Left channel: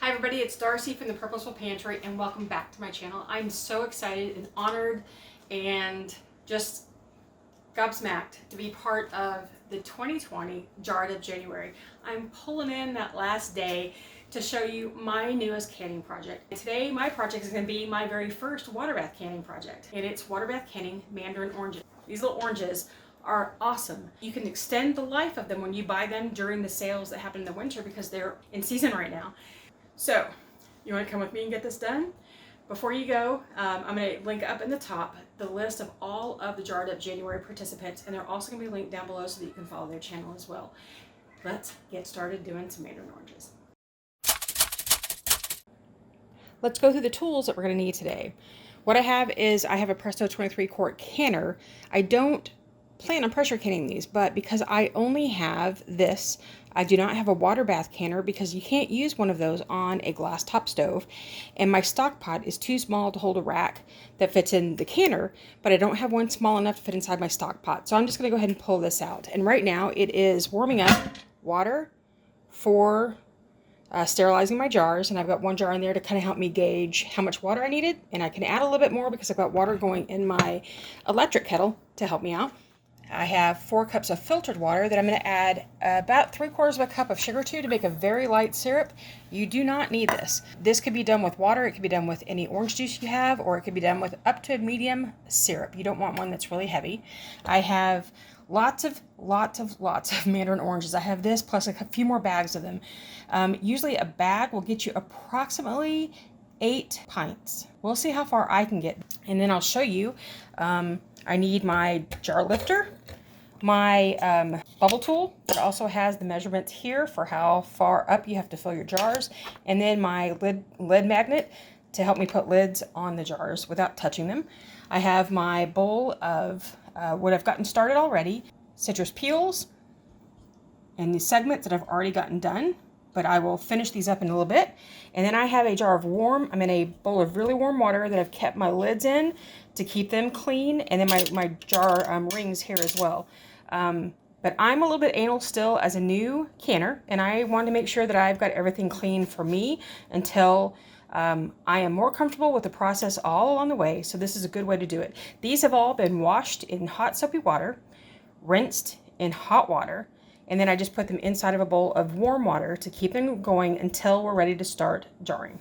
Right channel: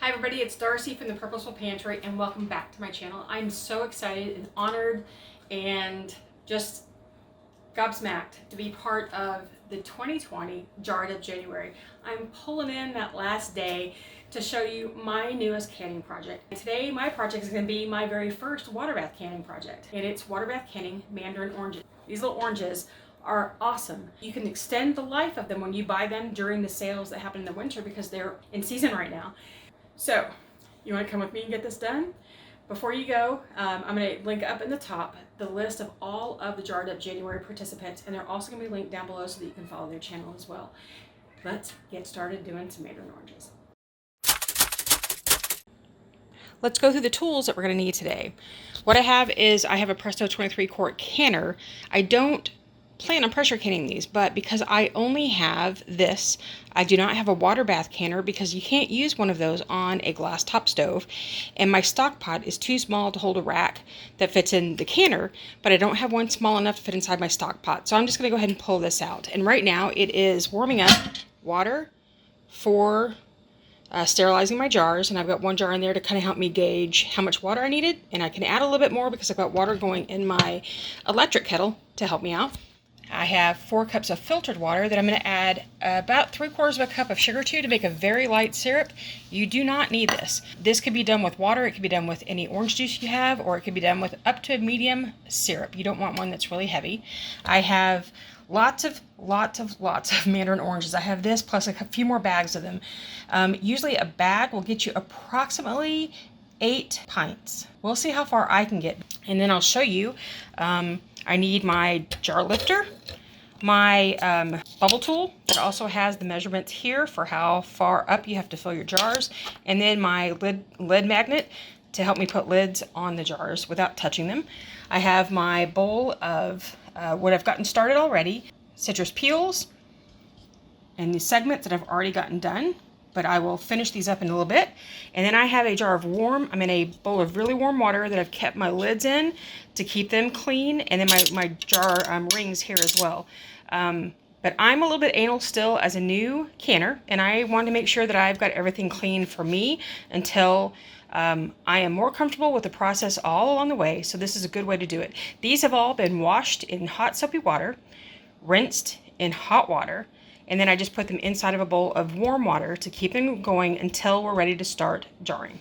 Hi everybody, it's Darcy from the Purposeful Pantry and welcome back to my channel. I'm so excited and honored and just gobsmacked to be part of the 2020 Jar of January. I'm pulling in that last day to show you my newest canning project. Today my project is going to be my very first water bath canning project, and it's water bath canning Mandarin oranges. These little oranges are awesome. You can extend the life of them when you buy them during the sales that happen in the winter because they're in season right now. So, you want to come with me and get this done? Before you go, I'm going to link up in the top the list of all of the Jarred Up January participants, and they're also going to be linked down below so that you can follow their channel as well. Let's get started doing some Mandarin oranges. Let's go through the tools that we're going to need today. What I have is I have a Presto 23 quart canner. I don't plan on pressure canning these, but because I only have this, I do not have a water bath canner because you can't use one of those on a glass top stove, and my stock pot is too small to hold a rack that fits in the canner, but I don't have one small enough to fit inside my stock pot. So I'm just going to go ahead and pull this out, and right now it is warming up water for sterilizing my jars, and I've got one jar in there to kind of help me gauge how much water I needed, and I can add a little bit more because I've got water going in my electric kettle to help me out. I have 4 cups of filtered water that I'm going to add about 3/4 of a cup of sugar to make a very light syrup. You do not need this. This could be done with water, it could be done with any orange juice you have, or it could be done with up to a medium syrup. You don't want one that's really heavy. I have lots of Mandarin oranges. I have this plus a few more bags of them. Usually a bag will get you approximately 8 pints. We'll see how far I can get, and then I'll show you. I need my jar lifter, my bubble tool that also has the measurements here for how far up you have to fill your jars, and then my lid magnet to help me put lids on the jars without touching them. I have my bowl of what I've gotten started already, citrus peels, and the segments that I've already gotten done, but I will finish these up in a little bit. And then I have a jar of I'm in a bowl of really warm water that I've kept my lids in to keep them clean, and then my jar rings here as well. But I'm a little bit anal still as a new canner, and I want to make sure that I've got everything clean for me until I am more comfortable with the process all along the way. So this is a good way to do it. These have all been washed in hot soapy water, rinsed in hot water, and then I just put them inside of a bowl of warm water to keep them going until we're ready to start jarring.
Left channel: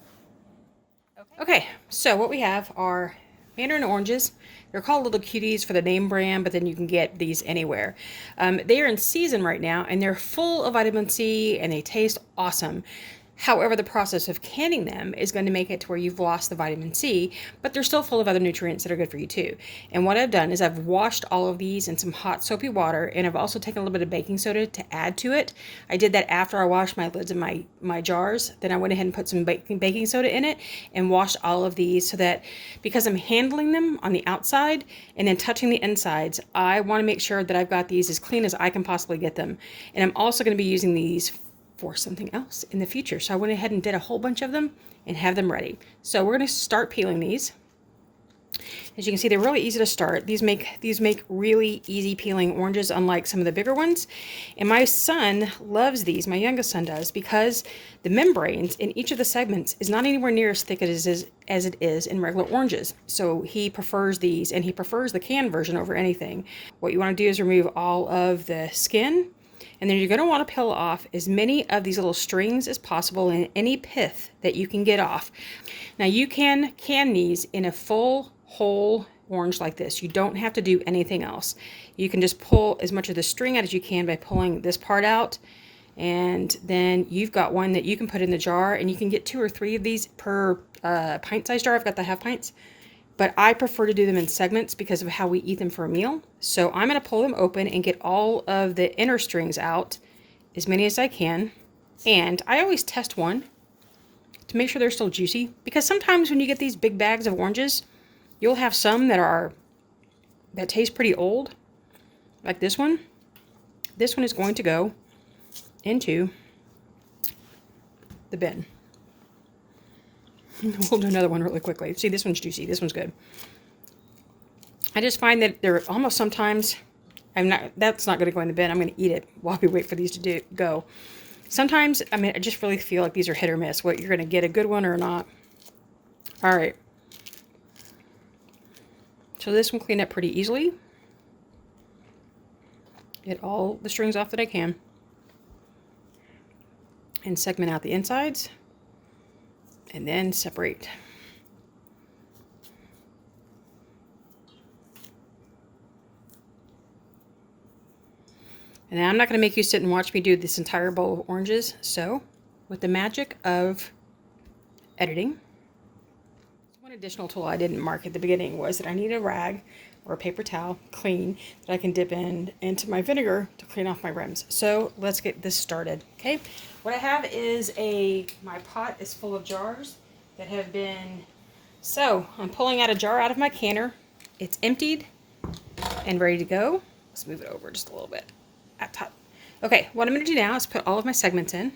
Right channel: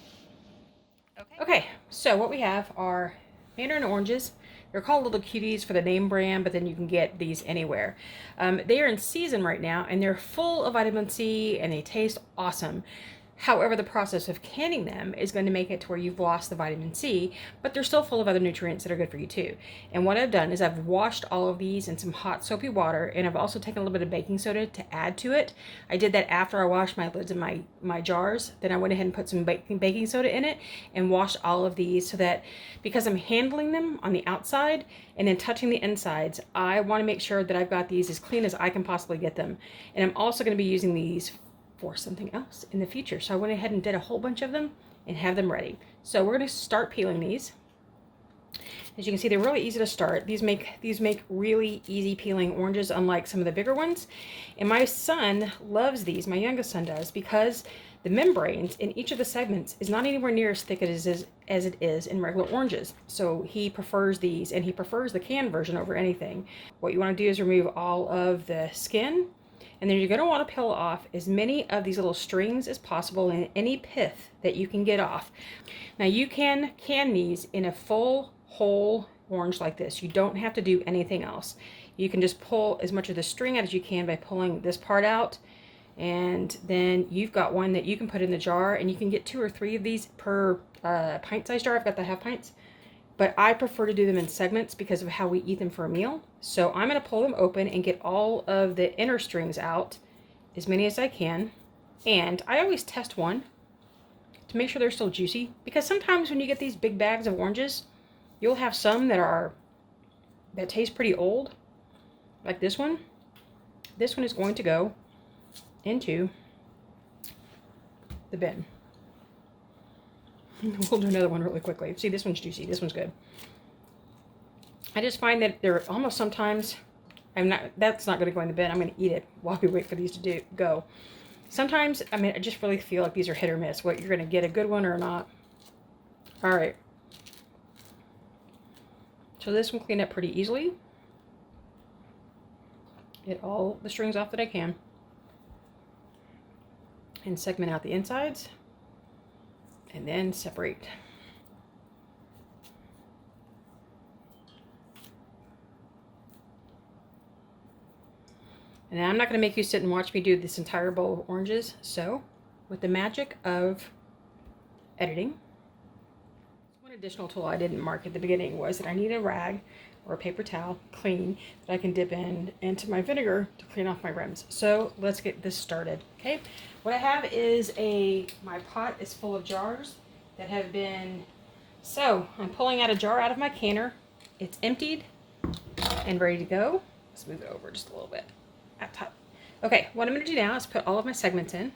Okay, so what we have are Mandarin oranges. They're called Little Cuties for the name brand, but then you can get these anywhere. They are in season right now, and they're full of vitamin C, and they taste awesome. However, the process of canning them is going to make it to where you've lost the vitamin C, but they're still full of other nutrients that are good for you too. And what I've done is I've washed all of these in some hot soapy water, and I've also taken a little bit of baking soda to add to it. I did that after I washed my lids of my jars. Then I went ahead and put some baking soda in it and washed all of these so that, because I'm handling them on the outside and then touching the insides, I want to make sure that I've got these as clean as I can possibly get them. And I'm also going to be using these for something else in the future. So I went ahead and did a whole bunch of them and have them ready. So we're going to start peeling these. As you can see, they're really easy to start. These make really easy peeling oranges, unlike some of the bigger ones. And my son loves these, my youngest son does, because the membranes in each of the segments is not anywhere near as thick as it is in regular oranges. So he prefers these, and he prefers the canned version over anything. What you want to do is remove all of the skin, and then you're going to want to peel off as many of these little strings as possible and any pith that you can get off. Now you can can these in a full whole orange like this. You don't have to do anything else. You can just pull as much of the string out as you can by pulling this part out, and then you've got one that you can put in the jar, and you can get 2 or 3 of these per pint-sized jar. I've got the half pints. But I prefer to do them in segments because of how we eat them for a meal. So I'm going to pull them open and get all of the inner strings out, as many as I can. And I always test one to make sure they're still juicy, because sometimes when you get these big bags of oranges, you'll have some that taste pretty old, like this one. This one is going to go into the bin. We'll do another one really quickly. See, this one's juicy. This one's good. I just find that they're almost sometimes, that's not going to go in the bin. I'm going to eat it while we wait for these to go. Sometimes, I mean, I just really feel like these are hit or miss, what you're going to get a good one or not. All right. So this one cleaned up pretty easily. Get all the strings off that I can. And segment out the insides. And then separate. And I'm not going to make you sit and watch me do this entire bowl of oranges. So, with the magic of editing, one additional tool I didn't mark at the beginning was that I need a rag or a paper towel, clean, that I can dip into my vinegar to clean off my rims. So, let's get this started, okay? What I have is my pot is full of jars that have been, so I'm pulling out a jar out of my canner. It's emptied and ready to go. Let's move it over just a little bit. At top. Okay, what I'm going to do now is put all of my segments in,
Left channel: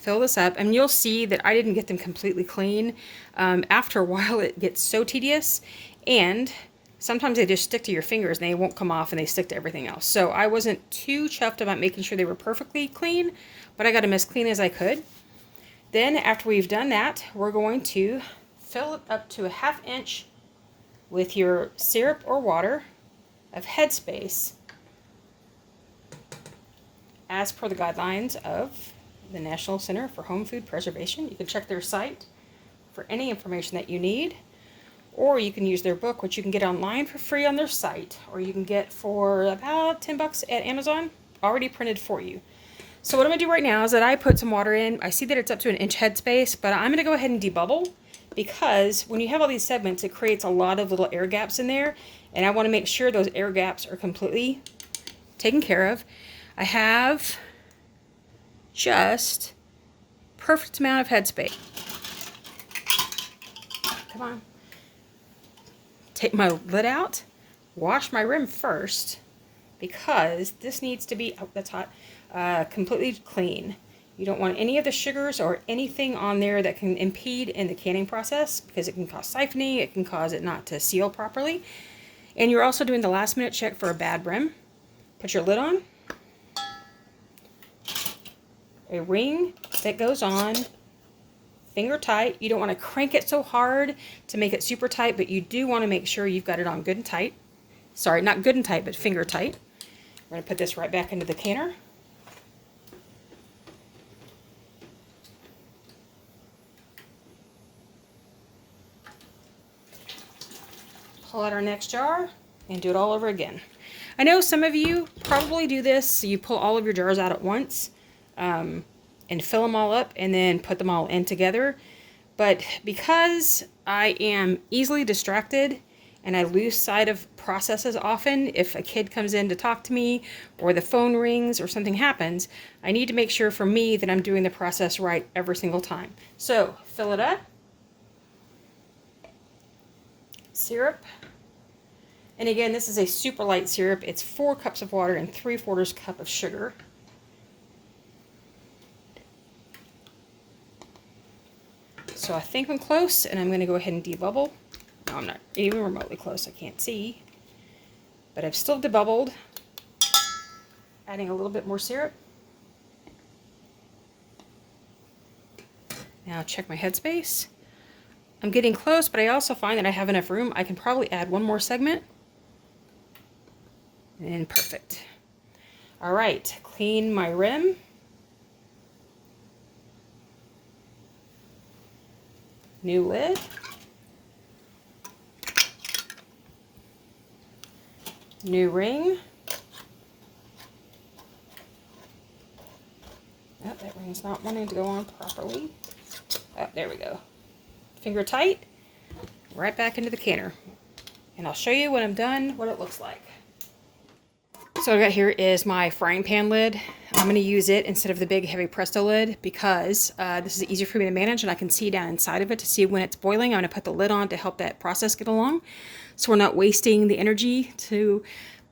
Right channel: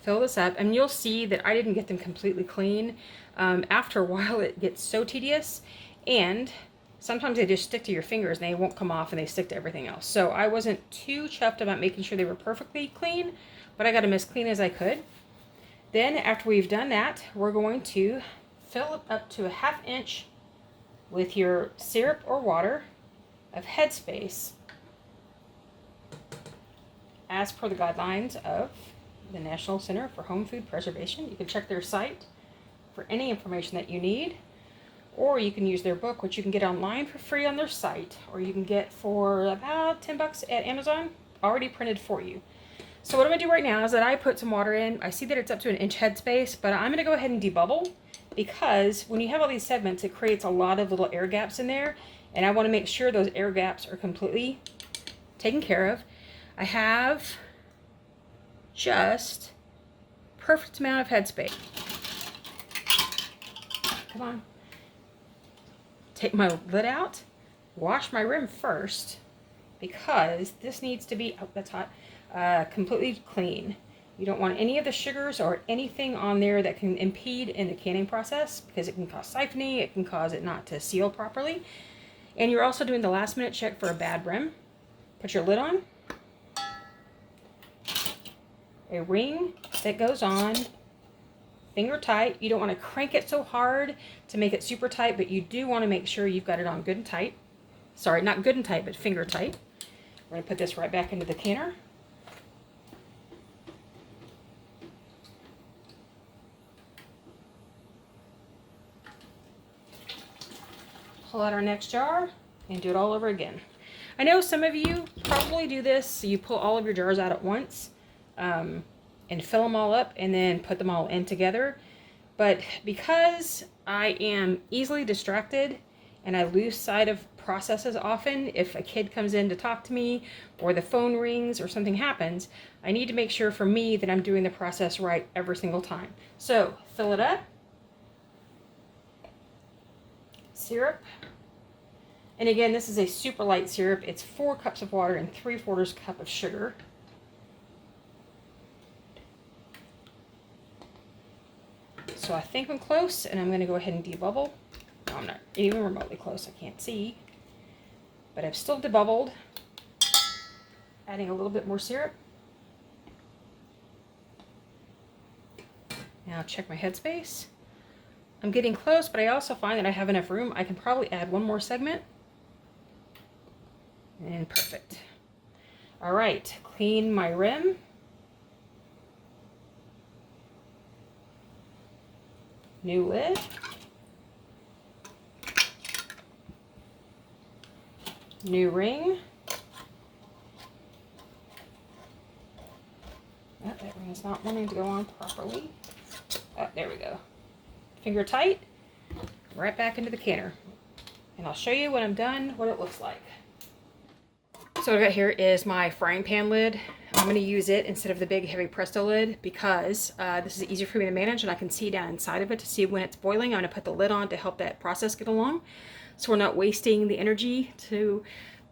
fill this up, and you'll see that I didn't get them completely clean. After a while it gets so tedious, and sometimes they just stick to your fingers and they won't come off and they stick to everything else. So I wasn't too chuffed about making sure they were perfectly clean, but I got them as clean as I could. Then after we've done that, we're going to fill it up to a 1/2 inch with your syrup or water of headspace, as per the guidelines of the National Center for Home Food Preservation. You can check their site for any information that you need, or you can use their book, which you can get online for free on their site, or you can get for about 10 bucks at Amazon, already printed for you. So what I'm going to do right now is that I put some water in. I see that it's up to 1 inch headspace, but I'm going to go ahead and debubble, because when you have all these segments, it creates a lot of little air gaps in there, and I want to make sure those air gaps are completely taken care of. I have just perfect amount of headspace. Come on. Take my lid out, wash my rim first, because this needs to be, oh, that's hot, completely clean. You don't want any of the sugars or anything on there that can impede in the canning process, because it can cause siphoning, it can cause it not to seal properly. And you're also doing the last minute check for a bad rim. Put your lid on. A ring that goes on, finger tight. You don't want to crank it so hard to make it super tight, but you do want to make sure you've got it on good and tight. Sorry, not good and tight, but finger tight. We're going to put this right back into the canner. Pull out our next jar and do it all over again. I know some of you probably do this, so you pull all of your jars out at once. And fill them all up and then put them all in together. But because I am easily distracted and I lose sight of processes often, if a kid comes in to talk to me or the phone rings or something happens, I need to make sure for me that I'm doing the process right every single time. So fill it up. Syrup. And again, this is a super light syrup. It's 4 cups of water and 3/4 cup of sugar. So I think I'm close, and I'm going to go ahead and debubble. No, I'm not even remotely close. I can't see. But I've still debubbled. Adding a little bit more syrup. Now check my headspace. I'm getting close, but I also find that I have enough room. I can probably add one more segment. And perfect. All right, clean my rim. New lid. New ring. Oh, that ring's not wanting to go on properly. Oh, there we go. Finger tight. Right back into the canner. And I'll show you when I'm done what it looks like. So what I got here is my frying pan lid. I'm going to use it instead of the big heavy Presto lid because this is easier for me to manage and I can see down inside of it to see when it's boiling. I'm going to put the lid on to help that process get along so we're not wasting the energy to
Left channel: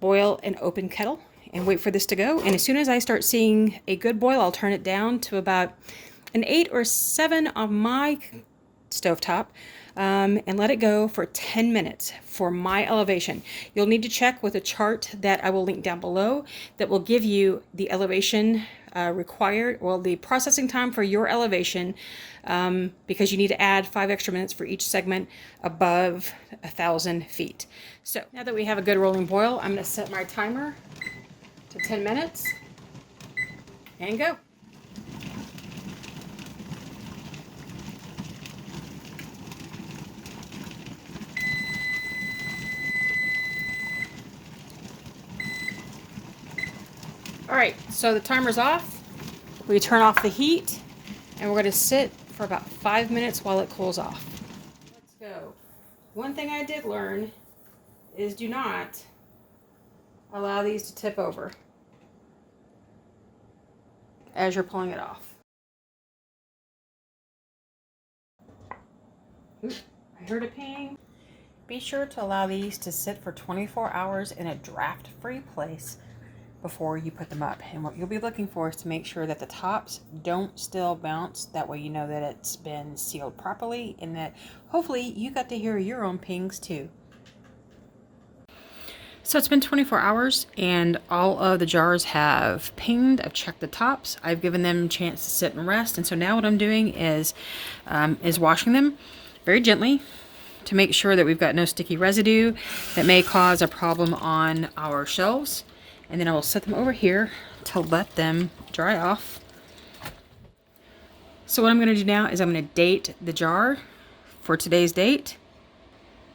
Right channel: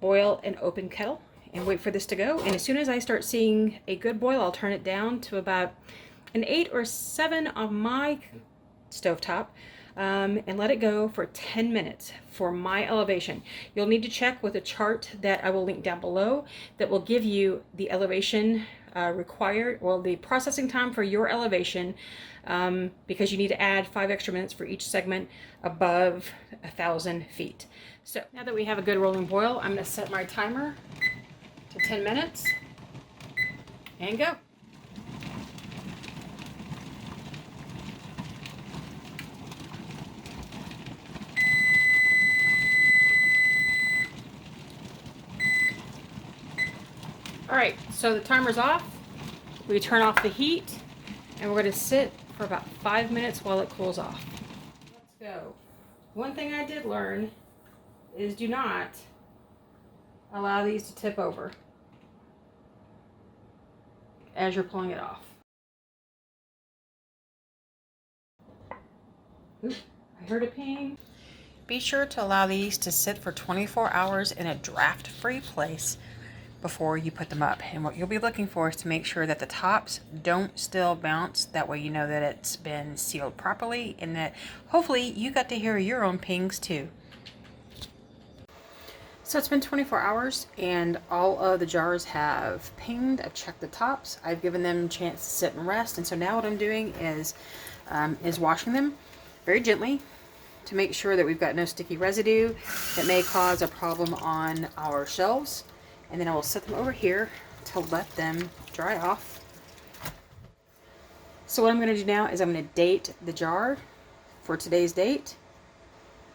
boil an open kettle and wait for this to go. And as soon as I start seeing a good boil, I'll turn it down to about an 8 or 7 on my stovetop. And let it go for 10 minutes for my elevation. You'll need to check with a chart that I will link down below that will give you the elevation required, well, the processing time for your elevation, because you need to add 5 extra minutes for each segment above 1,000 feet. So now that we have a good rolling boil, I'm going to set my timer to 10 minutes and go. Alright, so the timer's off. We turn off the heat and we're going to sit for about 5 minutes while it cools off. Let's go. One thing I did learn is do not allow these to tip over as you're pulling it off. Oop, I heard a ping. Be sure to allow these to sit for 24 hours in a draft-free place before you put them up. And what you'll be looking for is to make sure that the tops don't still bounce. That way you know that it's been sealed properly and that hopefully you got to hear your own pings too. So it's been 24 hours and all of the jars have pinged. I've checked the tops. I've given them a chance to sit and rest. And so now what I'm doing is washing them very gently to make sure that we've got no sticky residue that may cause a problem on our shelves. And then I will set them over here to let them dry off. So what I'm going to do now is I'm going to date the jar for today's date.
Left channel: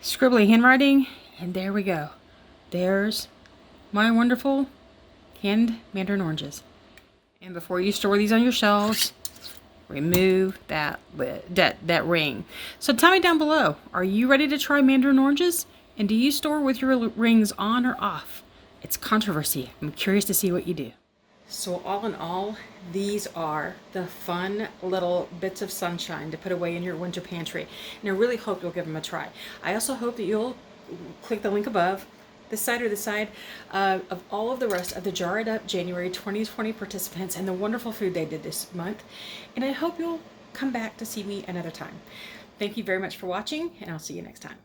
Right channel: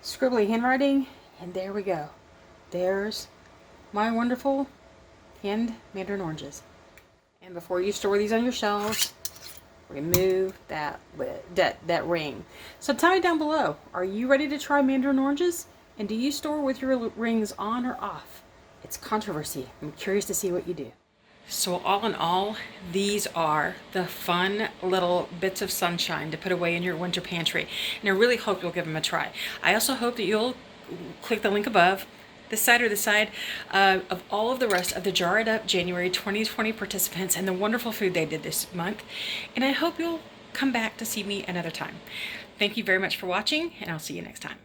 Scribbly handwriting, and there we go. There's my wonderful canned Mandarin oranges. And before you store these on your shelves, remove that lid, that ring. So tell me down below, are you ready to try Mandarin oranges? And do you store with your rings on or off? It's controversy. I'm curious to see what you do. So all in all, these are the fun little bits of sunshine to put away in your winter pantry. And I really hope you'll give them a try. I also hope that you'll click the link above, this side or this side, of all of the rest of the Jar It Up January 2020 participants and the wonderful food they did this month. And I hope you'll come back to see me another time. Thank you very much for watching, and I'll see you next time.